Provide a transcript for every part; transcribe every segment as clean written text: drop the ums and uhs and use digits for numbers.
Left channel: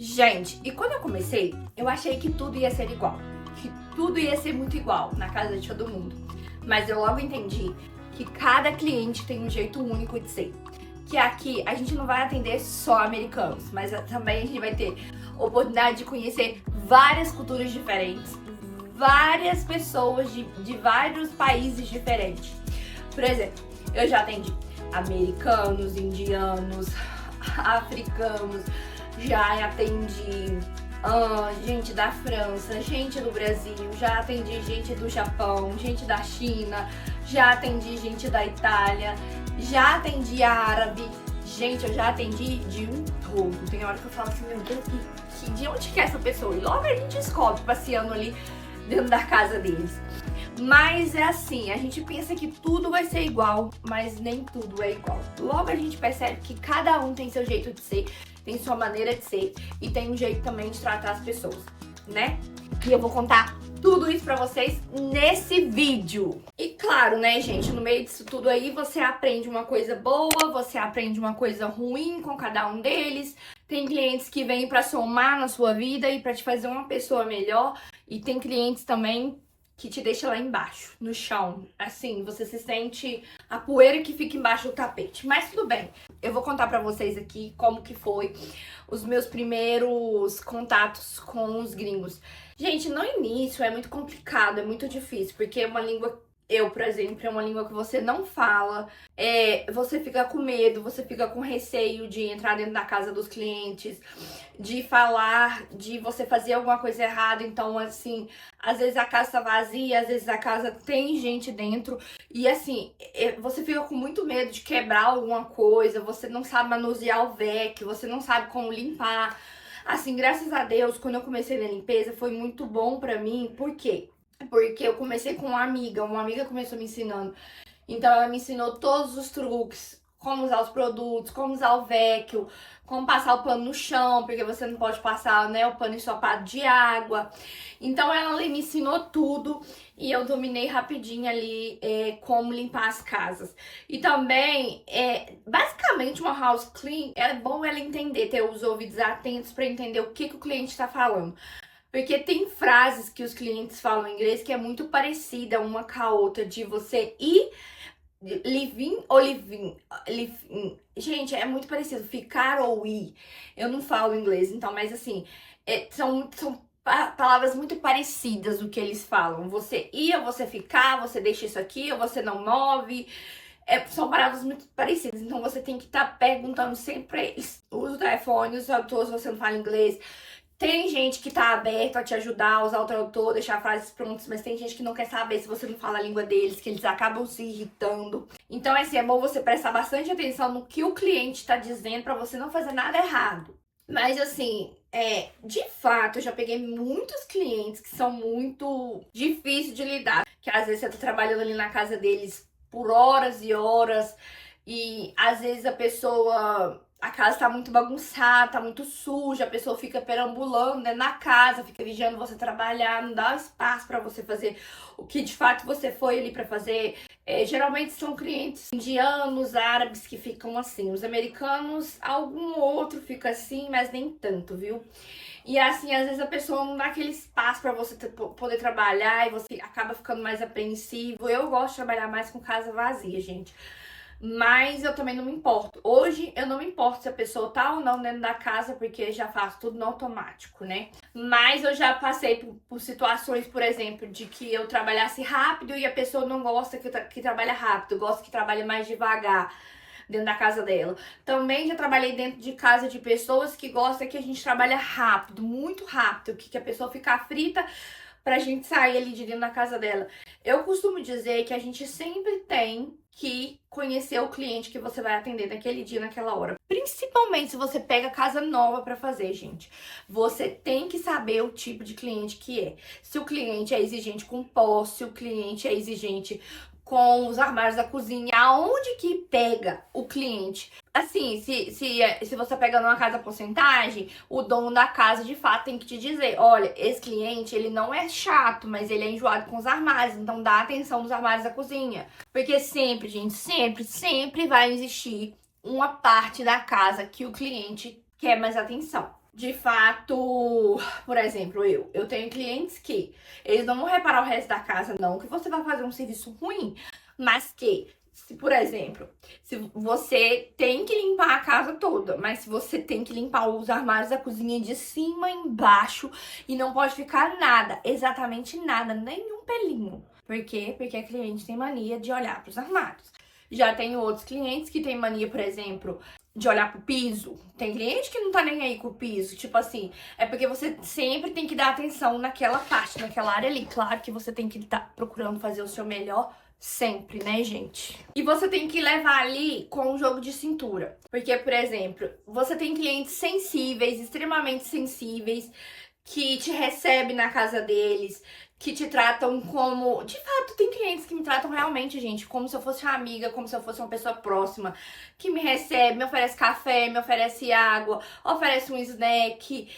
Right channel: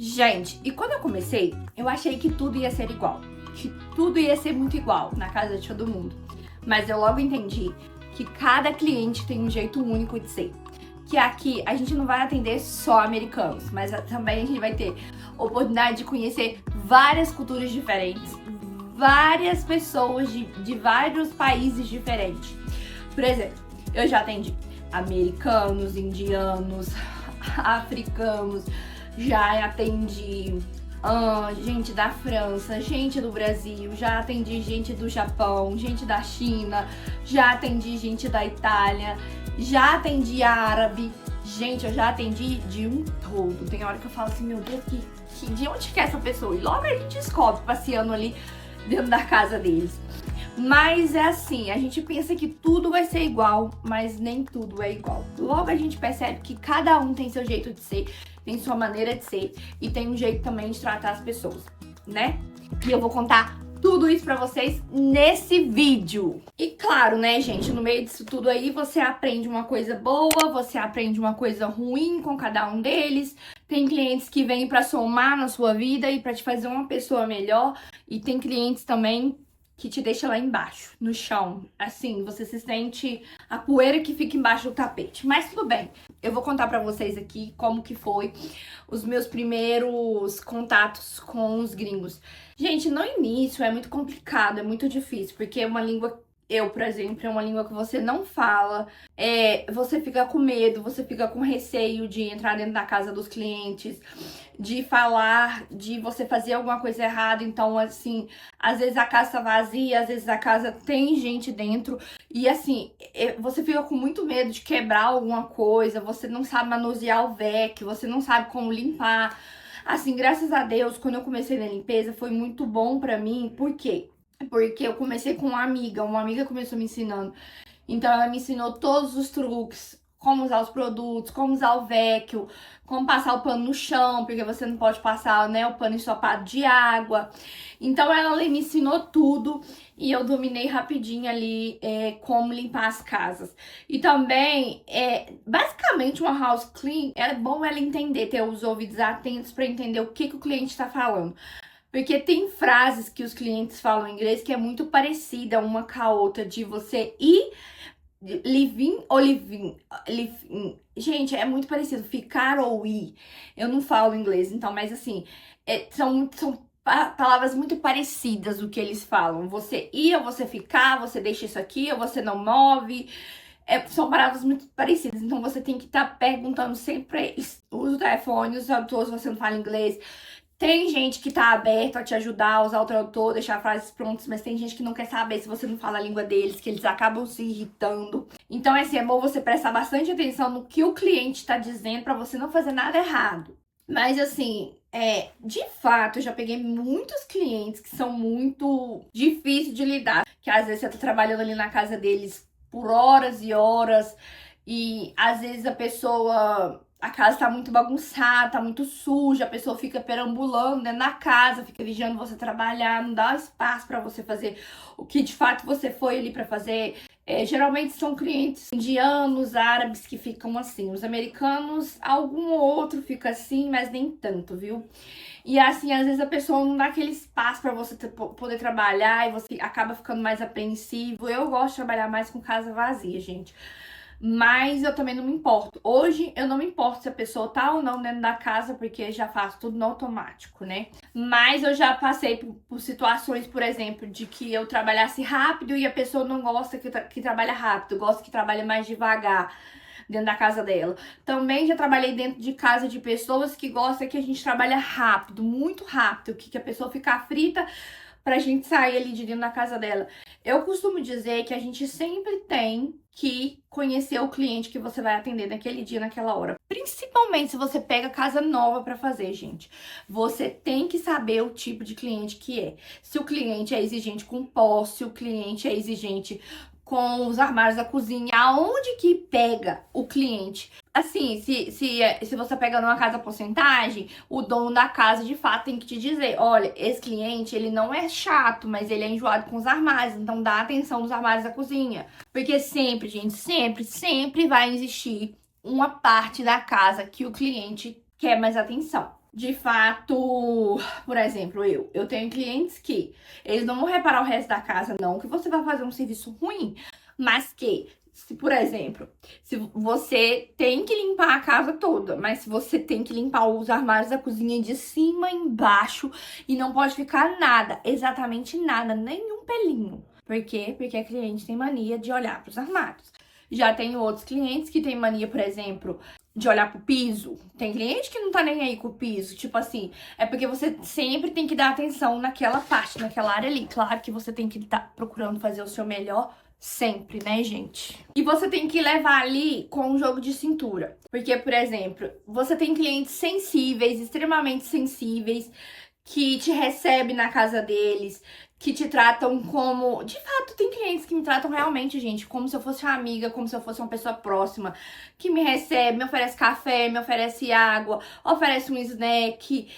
Gente, e quando eu comecei, eu achei que tudo ia ser igual. Que tudo ia ser muito igual na casa de todo mundo. Mas eu logo entendi que cada cliente tem um jeito único de ser. Que aqui a gente não vai atender só americanos, mas também a gente vai ter oportunidade de conhecer várias culturas diferentes, várias pessoas de vários países diferentes. Por exemplo, eu já atendi americanos, indianos, africanos, já atendi gente da França, gente do Brasil, já atendi gente do Japão, gente da China, já atendi gente da Itália, já atendi árabe. Gente, eu já atendi de um todo. Tem hora que eu falo assim, meu Deus, de onde que é essa pessoa? E logo a gente descobre passeando ali dentro da casa deles. Mas é assim, a gente pensa que tudo vai ser igual, mas nem tudo é igual. Logo a gente percebe que cada um tem seu jeito de ser, tem sua maneira de ser e tem um jeito também de tratar as pessoas, né? E eu vou contar tudo isso pra vocês nesse vídeo. E claro, né, gente, no meio disso tudo aí, você aprende uma coisa boa, você aprende uma coisa ruim com cada um deles. Tem clientes que vêm pra somar na sua vida e pra te fazer uma pessoa melhor. E tem clientes também que te deixa lá embaixo, no chão. Assim, você se sente a poeira que fica embaixo do tapete. Mas tudo bem, eu vou contar pra vocês aqui como que foi os meus primeiros contatos com os gringos. Gente, no início é muito complicado, é muito difícil, porque é uma língua... por exemplo, é uma língua que você não fala, você fica com medo, você fica com receio de entrar dentro da casa dos clientes, de falar, de você fazer alguma coisa errada. Então, assim, às vezes a casa tá vazia, às vezes a casa tem gente dentro e, assim, você fica com muito medo de quebrar alguma coisa, você não sabe manusear o vac, você não sabe como limpar. Assim, graças a Deus, quando eu comecei na limpeza, foi muito bom pra mim. Por quê? Porque eu comecei com uma amiga começou me ensinando. Então ela me ensinou todos os truques, como usar os produtos, como usar o vacuum, como passar o pano no chão, porque você não pode passar, né, o pano ensopado de água. Então ela me ensinou tudo e eu dominei rapidinho ali como limpar as casas. E também, basicamente uma house clean, é bom ela entender, ter os ouvidos atentos para entender o que o cliente está falando. Porque tem frases que os clientes falam em inglês que é muito parecida uma com a outra, de você ir, live-in ou live-in. Gente, é muito parecido, ficar ou ir. Eu não falo inglês, então, mas assim, são palavras muito parecidas o que eles falam. Você ir ou você ficar, você deixa isso aqui ou você não move. São palavras muito parecidas, então você tem que estar perguntando sempre pra eles. Usa o telefone, usa o tradutor se você não fala inglês. Tem gente que tá aberto a te ajudar a usar o tradutor, deixar frases prontas, mas tem gente que não quer saber se você não fala a língua deles, que eles acabam se irritando. Então, assim, é bom você prestar bastante atenção no que o cliente tá dizendo pra você não fazer nada errado. Mas, assim, de fato, eu já peguei muitos clientes que são muito difíceis de lidar. Que às vezes você tá trabalhando ali na casa deles por horas e horas e às vezes a casa tá muito bagunçada, tá muito suja, a pessoa fica perambulando dentro da casa, fica vigiando você trabalhar, não dá espaço pra você fazer o que de fato você foi ali pra fazer. Geralmente são clientes indianos, árabes que ficam assim. Os americanos, algum ou outro fica assim, mas nem tanto, viu? E assim, às vezes a pessoa não dá aquele espaço pra você poder trabalhar e você acaba ficando mais apreensivo. Eu gosto de trabalhar mais com casa vazia, gente. Mas eu também não me importo. Hoje eu não me importo se a pessoa tá ou não dentro da casa, porque já faço tudo no automático, né? Mas eu já passei por situações, por exemplo, de que eu trabalhasse rápido e a pessoa não gosta que trabalha rápido, gosta que trabalha mais devagar dentro da casa dela. Também já trabalhei dentro de casa de pessoas que gostam que a gente trabalha rápido, muito rápido, que a pessoa fica frita pra gente sair ali de dentro da casa dela. Eu costumo dizer que a gente sempre tem que conhecer o cliente que você vai atender naquele dia, naquela hora. Principalmente se você pega casa nova pra fazer, gente. Você tem que saber o tipo de cliente que é. Se o cliente é exigente com posse, se o cliente é exigente com os armários da cozinha, aonde que pega o cliente? Assim, se você pega numa casa porcentagem, o dono da casa de fato tem que te dizer, olha, esse cliente, ele não é chato, mas ele é enjoado com os armários, então dá atenção nos armários da cozinha. Porque sempre, gente, sempre vai existir uma parte da casa que o cliente quer mais atenção. de fato, por exemplo, eu tenho clientes que eles não vão reparar o resto da casa, não, que você vai fazer um serviço ruim, mas que, se, por exemplo, se você tem que limpar a casa toda, mas se você tem que limpar os armários da cozinha de cima embaixo e não pode ficar nada, exatamente nada, nenhum pelinho. Por quê? Porque a cliente tem mania de olhar para os armários. Já tenho outros clientes que têm mania, por exemplo, de olhar pro piso. Tem cliente que não tá nem aí com o piso. Tipo assim, é porque você sempre tem que dar atenção naquela parte, naquela área ali. Claro que você tem que estar procurando fazer o seu melhor sempre, né, gente? E você tem que levar ali com um jogo de cintura. Porque, por exemplo, você tem clientes sensíveis, extremamente sensíveis, que te recebem na casa deles, que te tratam como... De fato, tem clientes que me tratam realmente, gente, como se eu fosse uma amiga, como se eu fosse uma pessoa próxima, que me recebe, me oferece café, me oferece água, oferece um snack,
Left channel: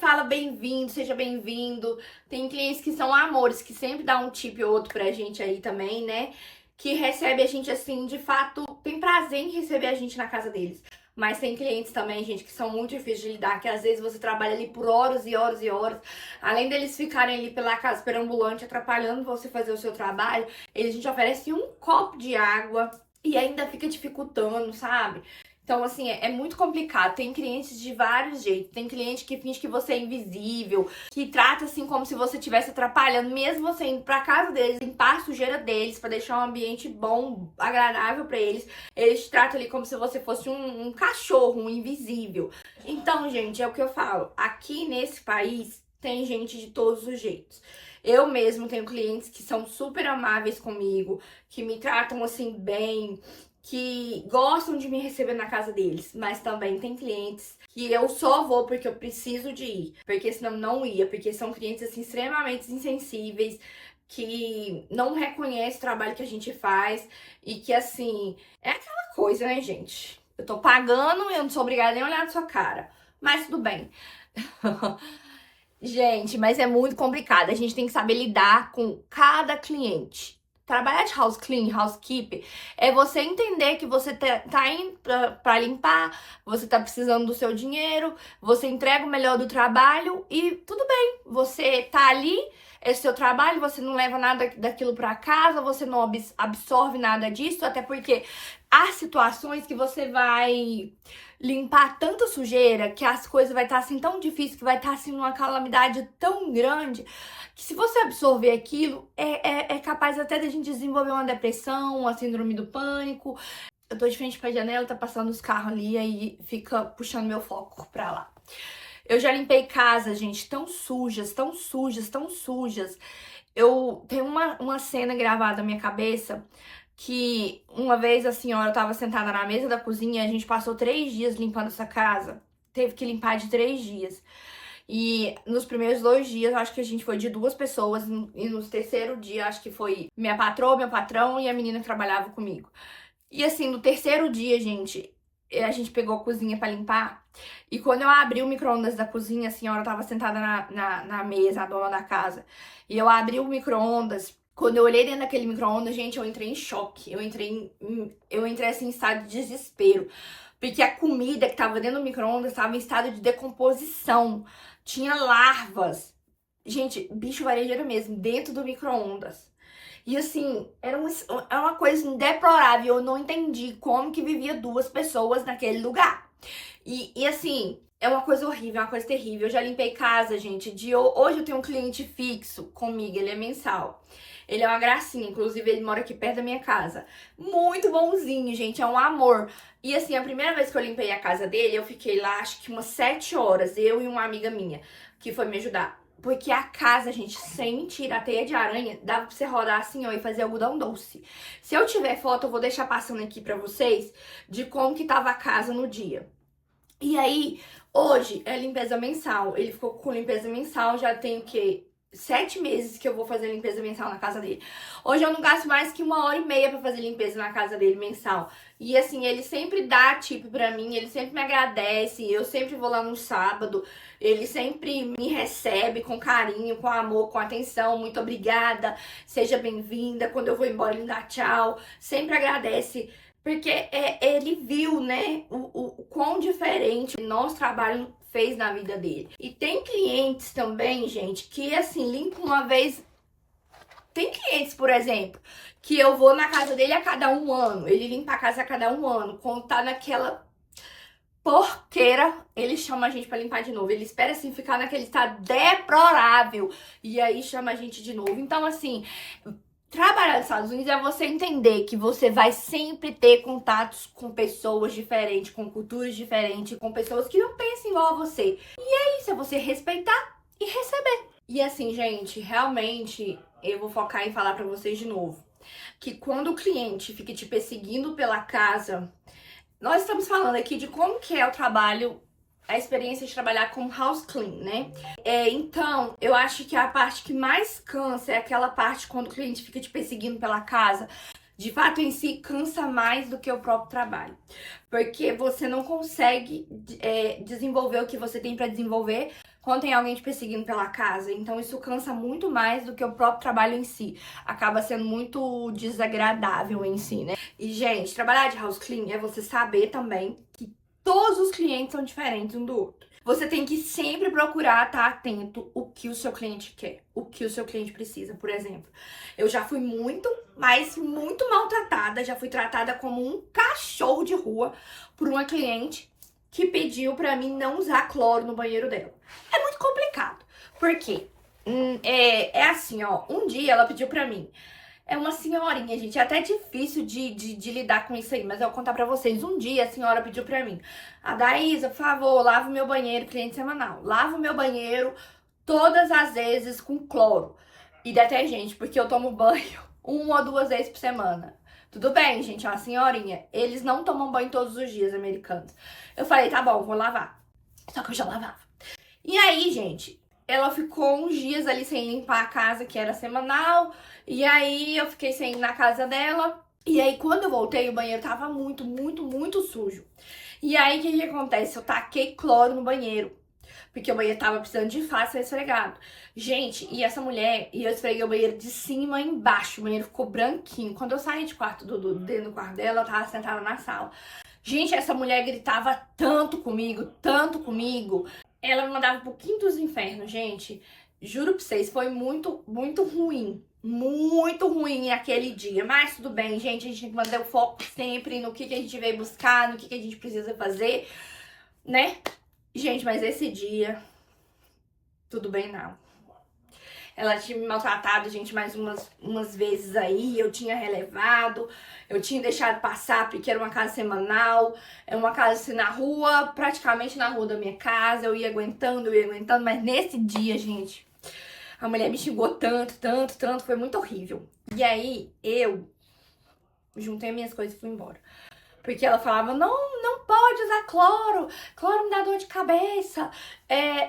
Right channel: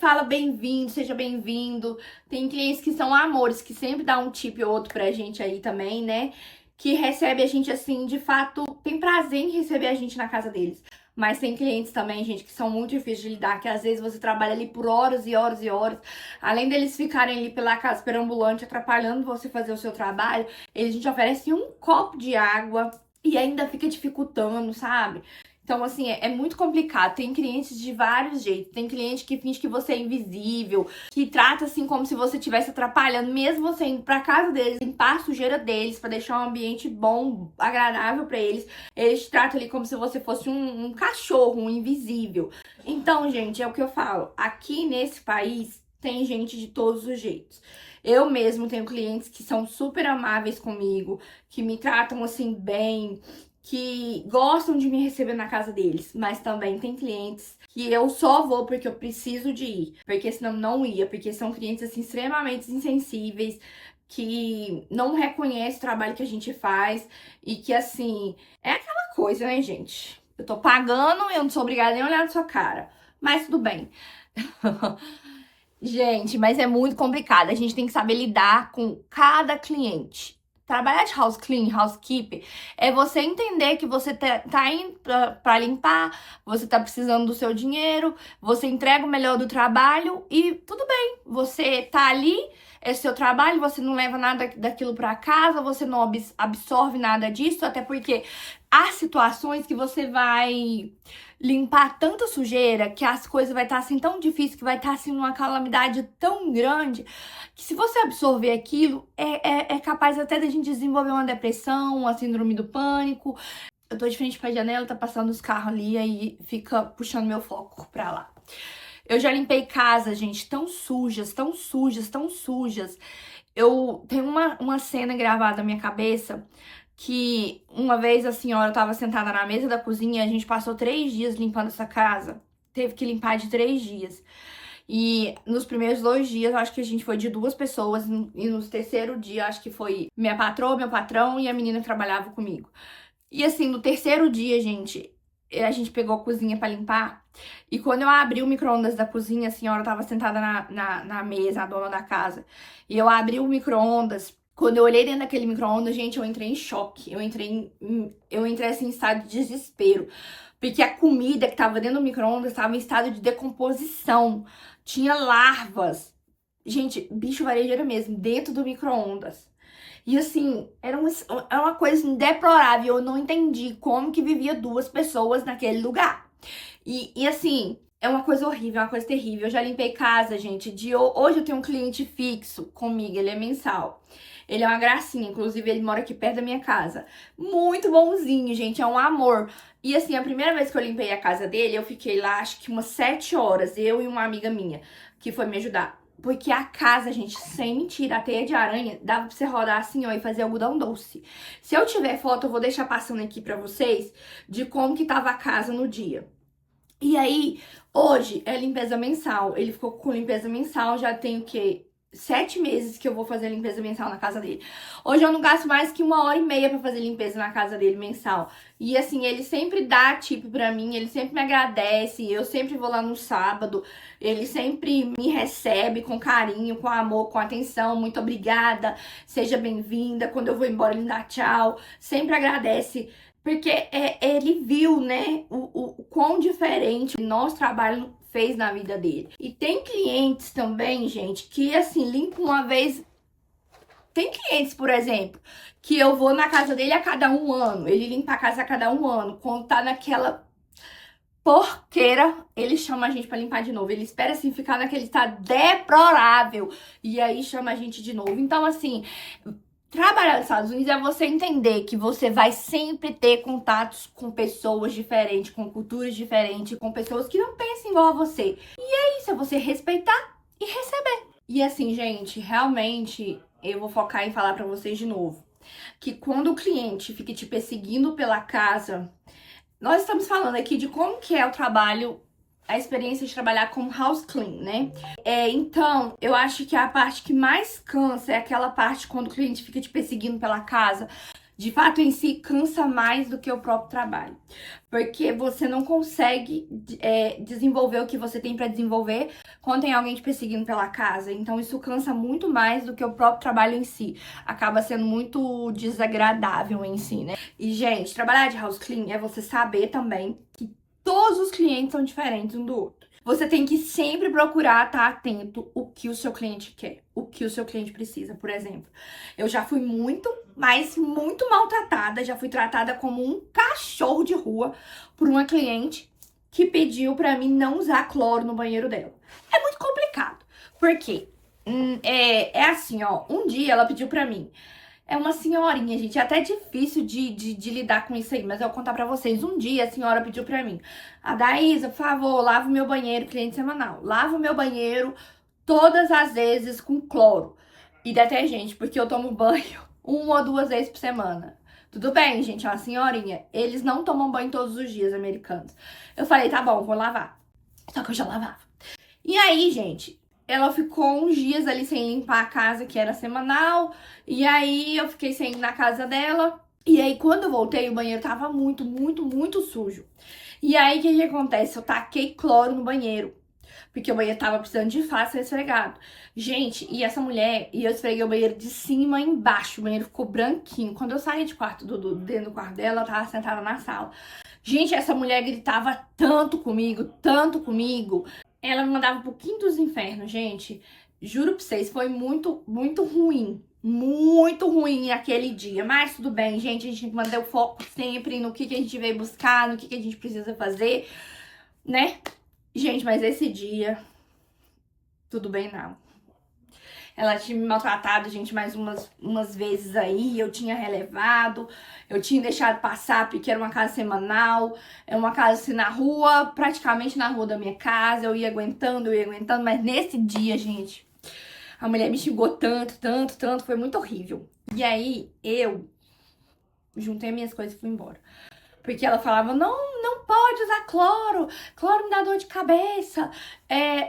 fala bem-vindo, seja bem-vindo. Tem clientes que são amores, que sempre dá um tip ou outro pra gente aí também, né? Que recebe a gente assim, de fato, tem prazer em receber a gente na casa deles. Mas tem clientes também, gente, que são muito difíceis de lidar, que às vezes você trabalha ali por horas e horas e horas. Além deles ficarem ali pela casa perambulante, atrapalhando você fazer o seu trabalho, eles te oferecem um copo de água e ainda fica dificultando, sabe? Então, assim, é muito complicado. Tem clientes de vários jeitos. Tem cliente que finge que você é invisível, que trata assim como se você estivesse atrapalhando, mesmo você indo pra casa deles, limpar a sujeira deles, pra deixar um ambiente bom, agradável pra eles. Eles te tratam ali como se você fosse um cachorro, um invisível. Então, gente, é o que eu falo. Aqui nesse país tem gente de todos os jeitos. Eu mesmo tenho clientes que são super amáveis comigo, que me tratam assim bem, que gostam de me receber na casa deles, mas também tem clientes que eu só vou porque eu preciso de ir, porque senão não ia, porque são clientes assim extremamente insensíveis, que não reconhecem o trabalho que a gente faz e que assim, é aquela coisa, né, gente? Eu tô pagando e eu não sou obrigada nem a olhar na sua cara, mas tudo bem. Gente, mas é muito complicado. A gente tem que saber lidar com cada cliente. Trabalhar de house clean, housekeeper, é você entender que você tá indo pra limpar, você tá precisando do seu dinheiro, você entrega o melhor do trabalho e tudo bem. Você tá ali, é seu trabalho, você não leva nada daquilo pra casa, você não absorve nada disso, até porque há situações que você vai limpar tanta sujeira, que as coisas vai estar assim tão difícil, que vai estar assim numa calamidade tão grande, que se você absorver aquilo, é capaz até da gente desenvolver uma depressão, uma síndrome do pânico. Eu tô de frente pra janela, tá passando os carros ali, aí fica puxando meu foco pra lá. Eu já limpei casas, gente, tão sujas, tão sujas, tão sujas. Eu tenho uma cena gravada na minha cabeça que uma vez a senhora tava sentada na mesa da cozinha e a gente passou 3 dias limpando essa casa. Teve que limpar de 3 dias. E nos primeiros 2 dias, acho que a gente foi de 2 pessoas. E no terceiro dia, acho que foi minha patroa, meu patrão e a menina que trabalhava comigo. E assim, no terceiro dia, gente, a gente pegou a cozinha pra limpar. E quando eu abri o micro-ondas da cozinha, a senhora tava sentada na mesa, a dona da casa. E eu abri o micro-ondas. Quando eu olhei dentro daquele micro-ondas, gente, eu entrei em choque. Eu entrei assim, em estado de desespero. Porque a comida que tava dentro do micro-ondas estava em estado de decomposição. Tinha larvas. Gente, bicho varejeiro mesmo, dentro do micro-ondas. E assim, era uma coisa deplorável. Eu não entendi como que vivia 2 pessoas naquele lugar. E assim, é uma coisa horrível, é uma coisa terrível. Eu já limpei casa, gente. Hoje eu tenho um cliente fixo comigo, ele é mensal. Ele é uma gracinha, inclusive ele mora aqui perto da minha casa. Muito bonzinho, gente, é um amor. E assim, a primeira vez que eu limpei a casa dele, eu fiquei lá acho que umas 7 horas, eu e uma amiga minha, que foi me ajudar. Porque a casa, gente, sem mentira, a teia de aranha, dava pra você rodar assim, ó, e fazer algodão doce. Se eu tiver foto, eu vou deixar passando aqui pra vocês de como que tava a casa no dia. E aí, hoje é limpeza mensal. Ele ficou com limpeza mensal, já tem o quê? 7 meses que eu vou fazer limpeza mensal na casa dele. Hoje eu não gasto mais que 1h30 pra fazer limpeza na casa dele mensal. E assim, ele sempre dá tip pra mim, ele sempre me agradece, eu sempre vou lá no sábado, ele sempre me recebe com carinho, com amor, com atenção, muito obrigada, seja bem-vinda. Quando eu vou embora, ele dá tchau, sempre agradece. Porque ele viu, né, o quão diferente nosso trabalho fez na vida dele. E tem clientes também, gente, que assim, limpam uma vez. Tem clientes, por exemplo, que eu vou na casa dele a cada 1 ano. Ele limpa a casa a cada 1 ano. Quando tá naquela porqueira, ele chama a gente pra limpar de novo. Ele espera, assim, ficar naquele estado deplorável. E aí chama a gente de novo. Então, assim, trabalhar nos Estados Unidos é você entender que você vai sempre ter contatos com pessoas diferentes, com culturas diferentes, com pessoas que não pensam igual a você. E é isso, é você respeitar e receber. E assim, gente, realmente, eu vou focar em falar pra vocês de novo, que quando o cliente fica te perseguindo pela casa, nós estamos falando aqui de como que é o trabalho, a experiência de trabalhar como house clean, né? Então, eu acho que a parte que mais cansa é aquela parte quando o cliente fica te perseguindo pela casa. De fato, em si, cansa mais do que o próprio trabalho. Porque você não consegue desenvolver o que você tem pra desenvolver quando tem alguém te perseguindo pela casa. Então, isso cansa muito mais do que o próprio trabalho em si. Acaba sendo muito desagradável em si, né? E, gente, trabalhar de house clean é você saber também que todos os clientes são diferentes um do outro. Você tem que sempre procurar estar atento o que o seu cliente quer, o que o seu cliente precisa. Por exemplo, eu já fui muito, mas muito maltratada, já fui tratada como um cachorro de rua por uma cliente que pediu pra mim não usar cloro no banheiro dela. É muito complicado, porque é assim, ó, um dia ela pediu pra mim. É uma senhorinha, gente. É até difícil de lidar com isso aí, mas eu vou contar pra vocês. Um dia a senhora pediu pra mim: a Daísa, por favor, lava o meu banheiro, cliente semanal. Lava o meu banheiro todas as vezes com cloro e detergente, porque eu tomo banho 1 ou 2 vezes por semana. Tudo bem, gente, é uma senhorinha. Eles não tomam banho todos os dias, americanos. Eu falei, tá bom, vou lavar. Só que eu já lavava. E aí, gente, ela ficou uns dias ali sem limpar a casa, que era semanal. E aí eu fiquei sem ir na casa dela. E aí quando eu voltei, o banheiro tava muito, muito, muito sujo. E aí o que acontece? Eu taquei cloro no banheiro, porque o banheiro tava precisando de fato ser esfregado. Gente, e essa mulher, e eu esfreguei o banheiro de cima a embaixo. O banheiro ficou branquinho. Quando eu saí de quarto dentro do quarto dela, ela tava sentada na sala. Gente, essa mulher gritava tanto comigo, tanto comigo. Ela me mandava pro quinto dos infernos, gente. Juro pra vocês, foi muito, muito ruim. Muito ruim aquele dia. Mas tudo bem, gente. A gente tem que manter o foco sempre no que a gente veio buscar, no que a gente precisa fazer, né? Gente, mas esse dia, tudo bem não. Ela tinha me maltratado, gente, mais umas vezes aí. Eu tinha relevado, eu tinha deixado passar, porque era uma casa semanal. É uma casa assim na rua, praticamente na rua da minha casa. Eu ia aguentando, mas nesse dia, gente, a mulher me xingou tanto, tanto, tanto. Foi muito horrível. E aí, eu juntei minhas coisas e fui embora. Porque ela falava, não pode usar cloro. Cloro me dá dor de cabeça.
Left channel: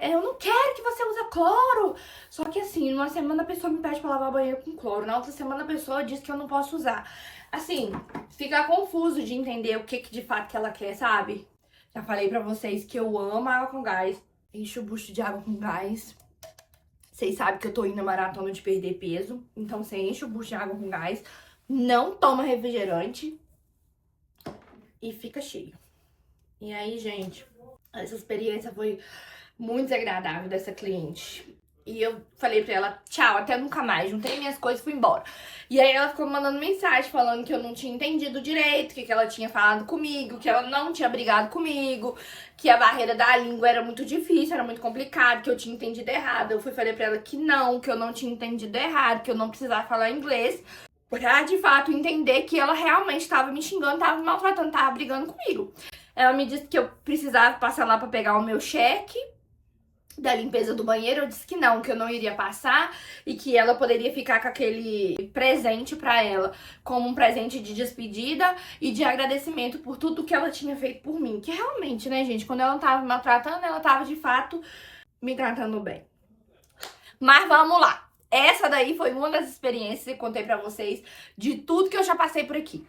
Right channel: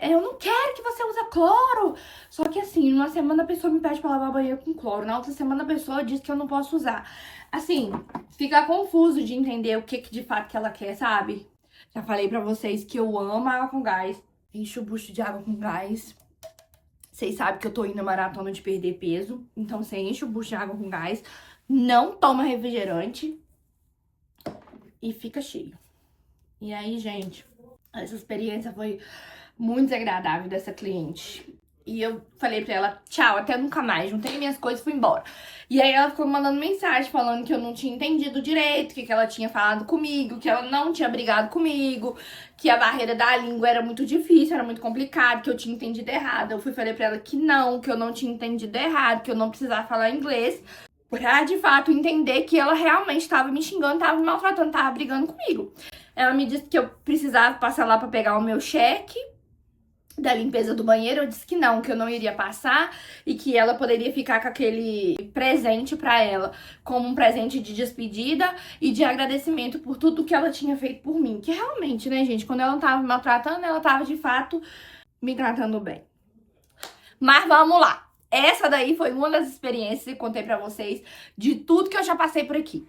Eu não quero que você use cloro. Só que assim, numa semana a pessoa me pede pra lavar o banheiro com cloro. Na outra semana a pessoa diz que eu não posso usar. Assim, fica confuso de entender o que de fato que ela quer, sabe? Já falei pra vocês que eu amo água com gás. Encho o bucho de água com gás. Vocês sabem que eu tô indo na maratona de perder peso. Então você enche o bucho de água com gás. Não toma refrigerante. E fica cheio. E aí, gente, essa experiência foi muito desagradável dessa cliente. E eu falei pra ela, tchau, até nunca mais. Juntei minhas coisas e fui embora. E aí ela ficou me mandando mensagem falando que eu não tinha entendido direito, que ela tinha falado comigo, que ela não tinha brigado comigo, que a barreira da língua era muito difícil, era muito complicado, que eu tinha entendido errado. Eu falei pra ela que eu não tinha entendido errado, que eu não precisava falar inglês, pra, de fato, entender que ela realmente tava me xingando, tava me maltratando, tava brigando comigo. Ela me disse que eu precisava passar lá pra pegar o meu cheque da limpeza do banheiro. Eu disse que eu não iria passar e que ela poderia ficar com aquele presente pra ela como um presente de despedida e de agradecimento por tudo que ela tinha feito por mim. Que realmente, né, gente, quando ela não tava me maltratando, ela tava, de fato, me tratando bem. Mas vamos lá. Essa daí foi uma das experiências que eu contei pra vocês de tudo que eu já passei por aqui.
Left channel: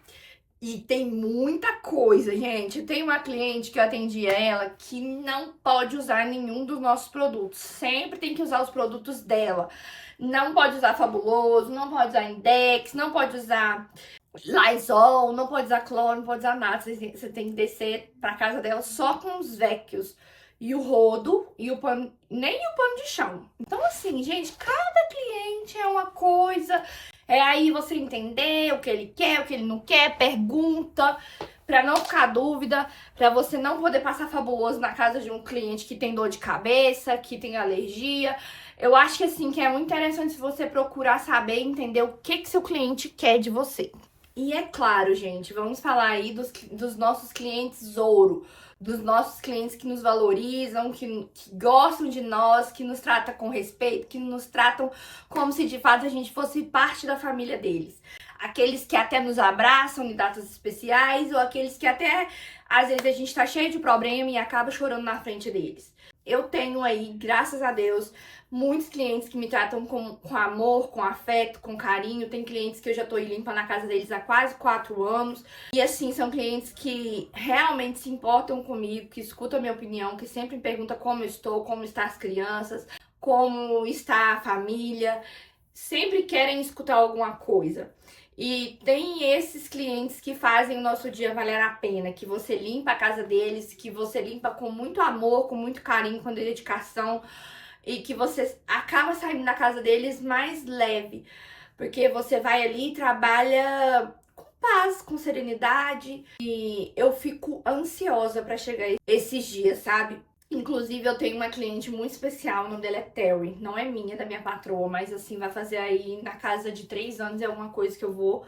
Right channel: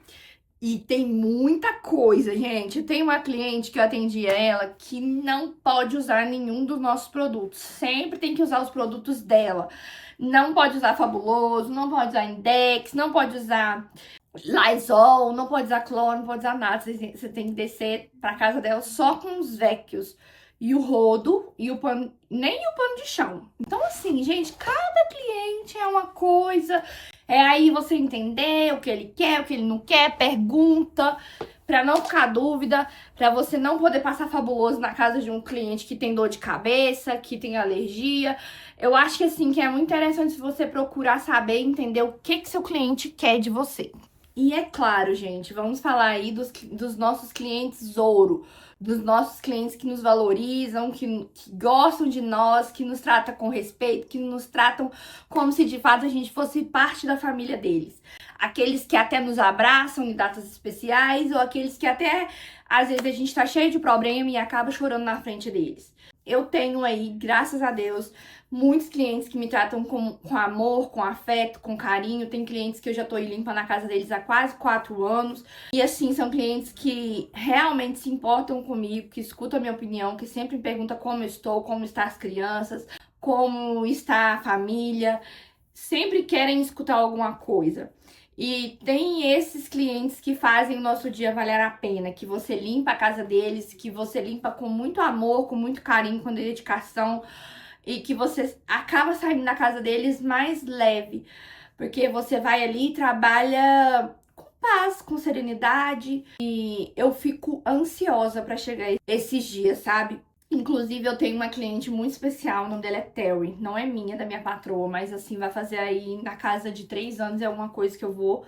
E tem muita coisa, gente. Tem uma cliente que eu atendi ela que não pode usar nenhum dos nossos produtos. Sempre tem que usar os produtos dela. Não pode usar Fabuloso, não pode usar Index, não pode usar Lysol, não pode usar cloro, não pode usar nada. Você tem que descer pra casa dela só com os Vecchios. e o rodo e o pano, nem o pano de chão. Então, assim, gente, cada cliente é uma coisa. É aí você entender o que ele quer, o que ele não quer, pergunta, pra não ficar dúvida, pra você não poder passar fabuloso na casa de um cliente que tem dor de cabeça, que tem alergia. Eu acho que, assim, que é muito interessante você procurar saber e entender o que seu cliente quer de você. E é claro, gente, vamos falar aí dos nossos clientes ouro, dos nossos clientes que nos valorizam, que gostam de nós, que nos tratam com respeito, que nos tratam como se de fato a gente fosse parte da família deles. Aqueles que até nos abraçam em datas especiais, ou aqueles que até, às vezes, a gente tá cheio de problema e acaba chorando na frente deles. Eu tenho aí, graças a Deus, muitos clientes que me tratam com amor, com afeto, com carinho. Tem clientes que eu já tô aí limpando a casa deles há quase 4 anos. E assim, são clientes que realmente se importam comigo, que escutam a minha opinião, que sempre me perguntam como eu estou, como estão as crianças, como está a família. Sempre querem escutar alguma coisa. E tem esses clientes que fazem o nosso dia valer a pena, que você limpa a casa deles, que você limpa com muito amor, com muito carinho, com dedicação, e que você acaba saindo da casa deles mais leve, porque você vai ali e trabalha com paz, com serenidade, e eu fico ansiosa pra chegar esses dias, sabe? Inclusive, eu tenho uma cliente muito especial, o nome dela é Terry. Não é minha, é da minha patroa, mas assim, vai fazer aí na casa de 3 anos, é uma coisa que eu vou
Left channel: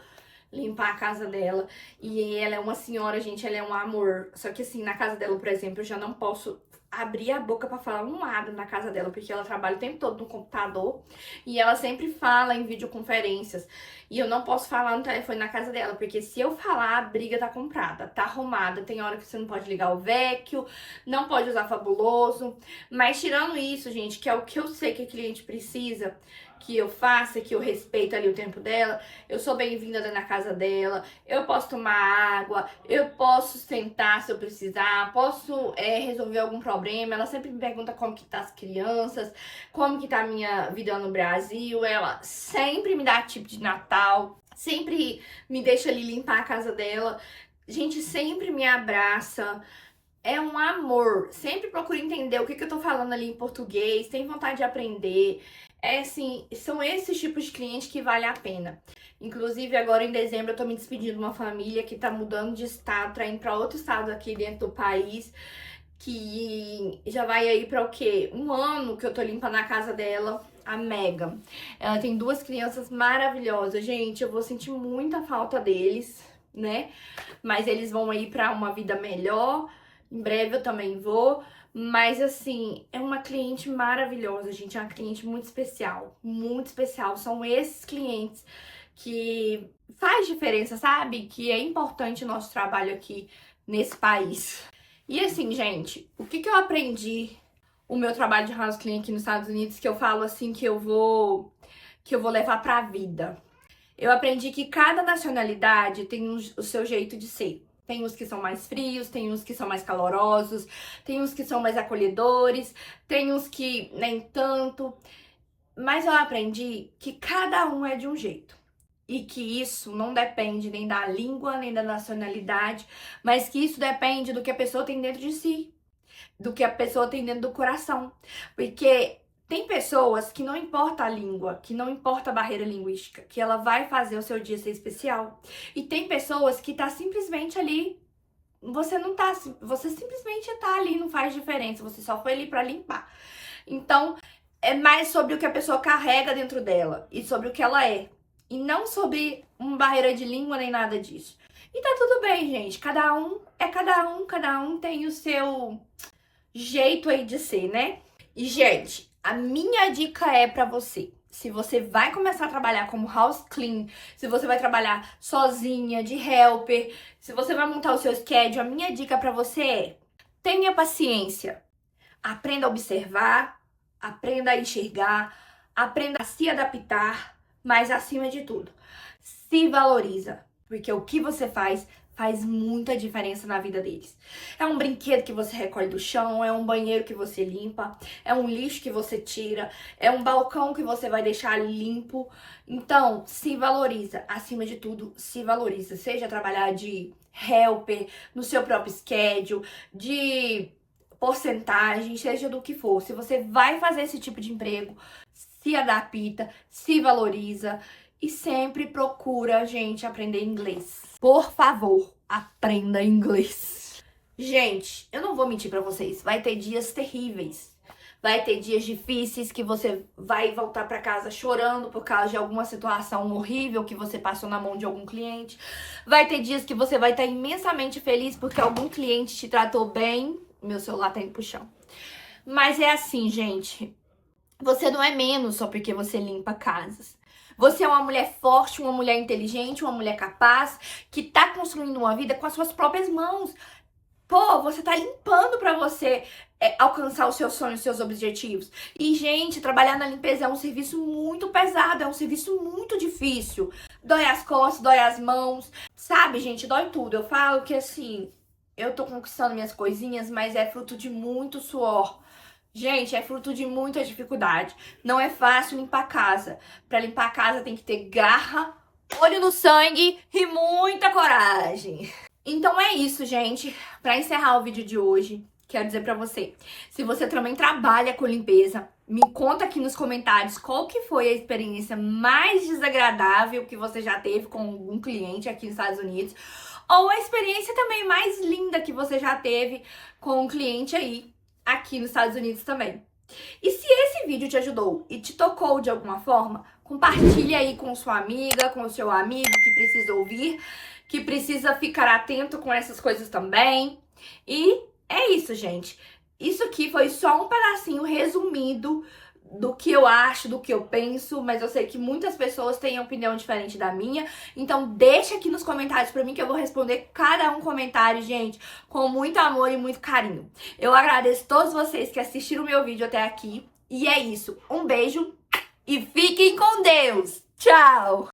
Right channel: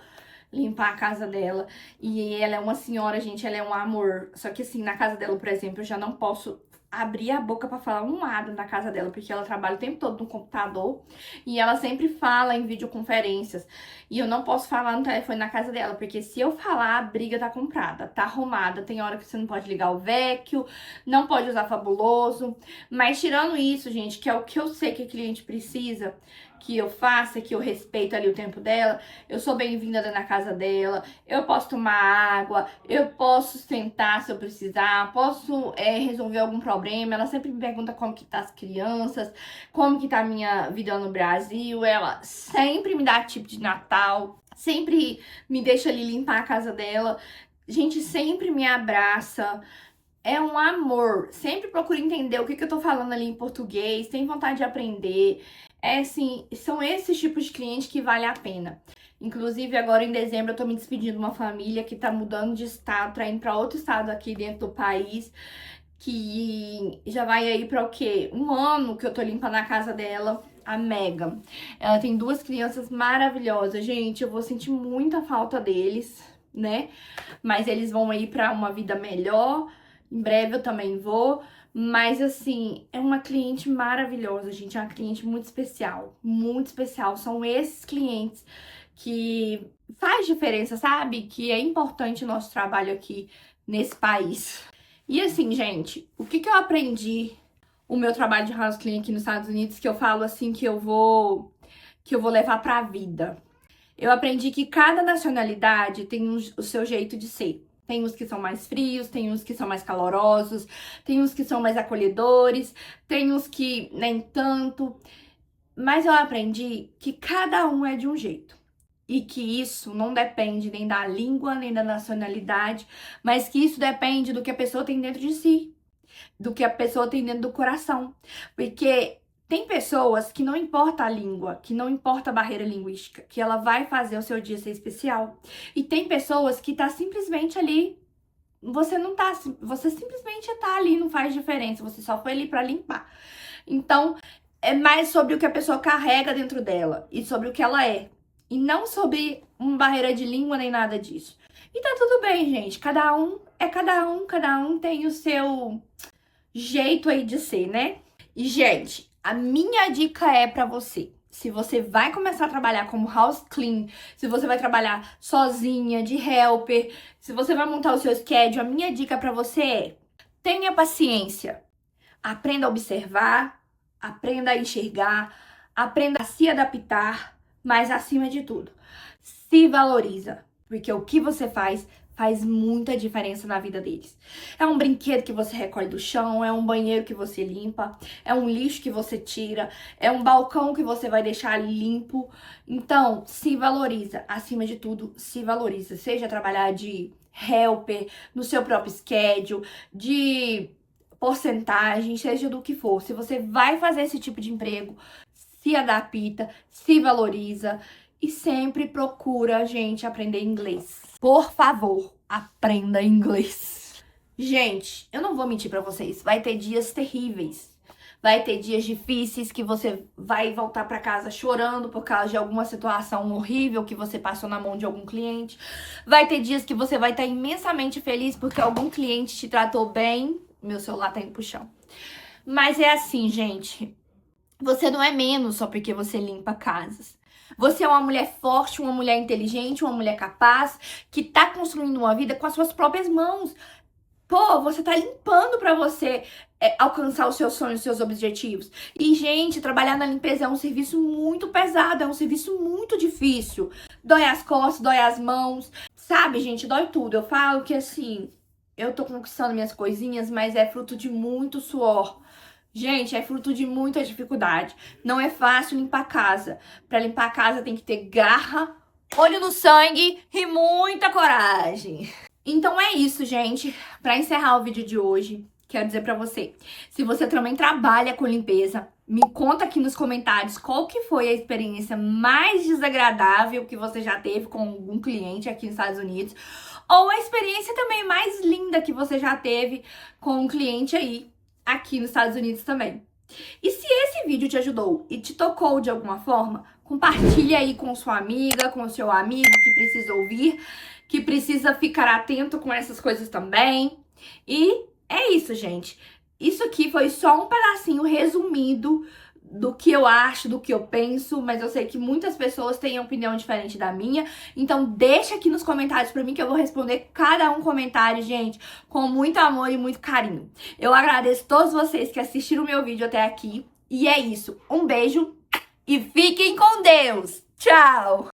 limpar a casa dela. E ela é uma senhora, gente, ela é um amor. Só que assim, na casa dela, por exemplo, eu já não posso abrir a boca pra falar um nada na casa dela, porque ela trabalha o tempo todo no computador e ela sempre fala em videoconferências. E eu não posso falar no telefone na casa dela, porque se eu falar, a briga tá comprada, tá arrumada. Tem hora que você não pode ligar o vecchio, não pode usar fabuloso. Mas tirando isso, gente, que é o que eu sei que a cliente precisa que eu faça, que eu respeito ali o tempo dela, eu sou bem-vinda na casa dela, eu posso tomar água, eu posso sentar se eu precisar, posso resolver algum problema. Ela sempre me pergunta como que tá as crianças, como que tá a minha vida no Brasil. Ela sempre me dá tip de Natal, sempre me deixa ali limpar a casa dela. Gente, sempre me abraça. É um amor. Sempre procura entender o que eu tô falando ali em português, tem vontade de aprender. É assim, são esses tipos de clientes que vale a pena. Inclusive, agora em dezembro, eu tô me despedindo de uma família que tá mudando de estado, tá indo pra outro estado aqui dentro do país, que já vai aí pra o quê? 1 ano que eu tô limpando a casa dela, a Megan. Ela tem 2 crianças maravilhosas. Gente, eu vou sentir muita falta deles, né? Mas eles vão aí pra uma vida melhor. Em breve eu também vou. Mas assim, é uma cliente maravilhosa, gente. É uma cliente muito especial. Muito especial. São esses clientes que faz diferença, sabe? Que é importante o nosso trabalho aqui nesse país. E assim, gente, o que eu aprendi o meu trabalho de house clean aqui nos Estados Unidos, que eu falo assim que eu vou levar pra vida. Eu aprendi que cada nacionalidade tem o seu jeito de ser. Tem uns que são mais frios, tem uns que são mais calorosos, tem uns que são mais acolhedores, tem uns que nem tanto. Mas eu aprendi que cada um é de um jeito. E que isso não depende nem da língua, nem da nacionalidade, mas que isso depende do que a pessoa tem dentro de si, do que a pessoa tem dentro do coração. Porque tem pessoas que não importa a língua, que não importa a barreira linguística, que ela vai fazer o seu dia ser especial. E tem pessoas que tá simplesmente ali, você simplesmente tá ali, não faz diferença, você só foi ali pra limpar. Então, é mais sobre o que a pessoa carrega dentro dela e sobre o que ela é. E não sobre uma barreira de língua nem nada disso. E tá tudo bem, gente. Cada um é cada um tem o seu jeito aí de ser, né? E, gente, a minha dica é pra você. Se você vai começar a trabalhar como house clean, se você vai trabalhar sozinha, de helper, se você vai montar o seu schedule, a minha dica pra você é: tenha paciência. Aprenda a observar, aprenda a enxergar, aprenda a se adaptar, mas acima de tudo, se valoriza, porque o que você faz muita diferença na vida deles. É um brinquedo que você recolhe do chão, é um banheiro que você limpa, é um lixo que você tira, é um balcão que você vai deixar limpo. Então, se valoriza, acima de tudo, se valoriza. Seja trabalhar de helper, no seu próprio schedule, de porcentagem, seja do que for, se você vai fazer esse tipo de emprego, se adapta, se valoriza e sempre procura, gente, aprender inglês. Por favor, aprenda inglês. Gente, eu não vou mentir pra vocês, vai ter dias terríveis. Vai ter dias difíceis que você vai voltar pra casa chorando por causa de alguma situação horrível que você passou na mão de algum cliente. Vai ter dias que você vai estar imensamente feliz porque algum cliente te tratou bem. Meu celular tá indo pro chão. Mas é assim, gente. Você não é menos só porque você limpa casas. Você é uma mulher forte, uma mulher inteligente, uma mulher capaz, que tá construindo uma vida com as suas próprias mãos. Pô, você tá limpando pra você alcançar os seus sonhos, os seus objetivos. E, gente, trabalhar na limpeza é um serviço muito pesado, é um serviço muito difícil. Dói as costas, dói as mãos. Sabe, gente, dói tudo. Eu falo que, assim, eu tô conquistando minhas coisinhas, mas é fruto de muito suor. Gente, é fruto de muita dificuldade. Não é fácil limpar a casa. Pra limpar a casa tem que ter garra, olho no sangue e muita coragem. Então é isso, gente. Pra encerrar o vídeo de hoje, quero dizer pra você, se você também trabalha com limpeza, me conta aqui nos comentários qual que foi a experiência mais desagradável que você já teve com algum cliente aqui nos Estados Unidos, ou a experiência também mais linda que você já teve com um cliente aí aqui nos Estados Unidos também. E se esse vídeo te ajudou e te tocou de alguma forma, compartilhe aí com sua amiga, com o seu amigo que precisa ouvir, que precisa ficar atento com essas coisas também. E é isso, gente. Isso aqui foi só um pedacinho resumido do que eu acho, do que eu penso, mas eu sei que muitas pessoas têm opinião diferente da minha. Então deixa aqui nos comentários pra mim que eu vou responder cada um comentário, gente, com muito amor e muito carinho. Eu agradeço todos vocês que assistiram o meu vídeo até aqui. E é isso. Um beijo e fiquem com Deus. Tchau!